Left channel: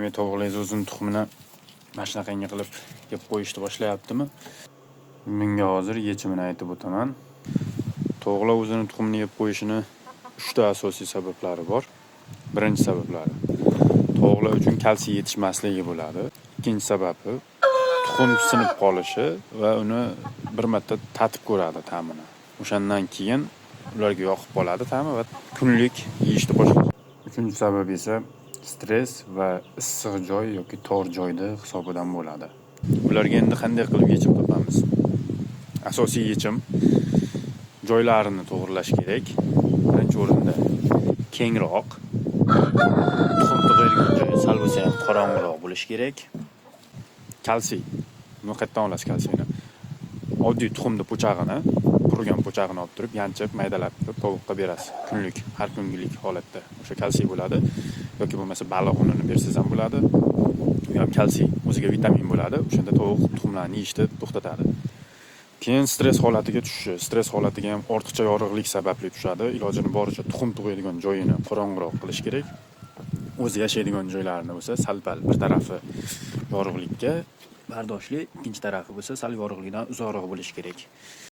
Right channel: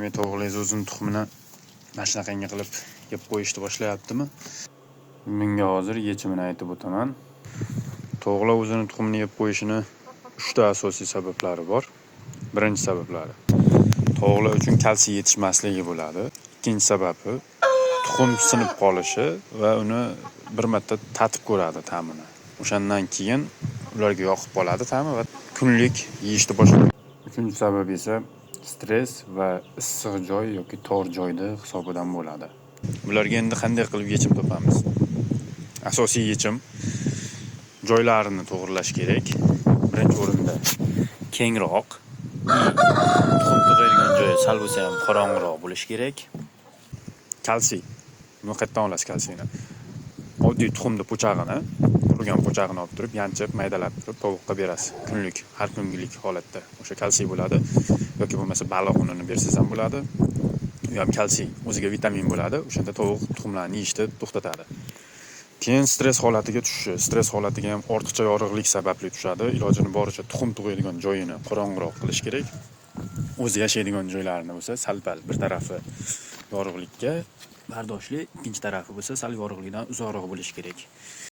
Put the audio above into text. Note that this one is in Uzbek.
Demak, tovuqlar uzun tuxumini mana shunaqangi qilib yeb qo'yishni boshlayaptimi? Bunga hozir yechimini aytib o'taman. Tovuqlar o'zini tuxumini yeb qo'yishini 3 ta asosiy sabablari bor. Birinchi sabablari tovuqlar uchun kalsiy yetishmasligi bo'ladi. Ikkinchi sababi tuxum sinib qolishi va uni bir marta tatib ko'radi ta'mini. O'shandan keyin ularga yoqib qoladi ta'mi va kunlik yeyishni boshlaydi. Uchinchi sabab esa stress va issiq joy yoki tor joyda hisobidan bo'ladi. Ularga endi qanday qilib yechim topamiz? Asosiy yechim joylarini to'g'irlash kerak. Birinchi o'rinda kengroq, tuxum tug'adigan joyi sal bo'lsa ham qorong'iroq bo'lishi kerak. Kalsiy. Buni qayerdan olasiz kalsiyni? Oddiy tuxumni po'chag'ini, qurigan po'chag'ini olib turib, yanchib, maydalab turib tovuqqa berasiz. Kunlik, har kungilik holatda. O'sha kalsiy bo'ladi. Yoki bo'lmasa baliq unini bersangiz ham bo'ladi. U ham kalsiy, o'ziga vitamin bo'ladi. O'shanda tovuq tuxumlarni yeyishni to'xtatadi. Keyin stress holatiga tushishi. Stress holatiga ham ortiqcha yorug'lik sababli tushadi. Ilojini boricha tuxum tug'adigan joyini qorong'iroq qilish kerak. O'zi yashaydigan joylarini bo'lsa sal-pal bir tarafi yorug'likka bardoshli, ikkinchi tarafi bo'lsa sal yorug'likdan uzoqroq bo'lishi kerak.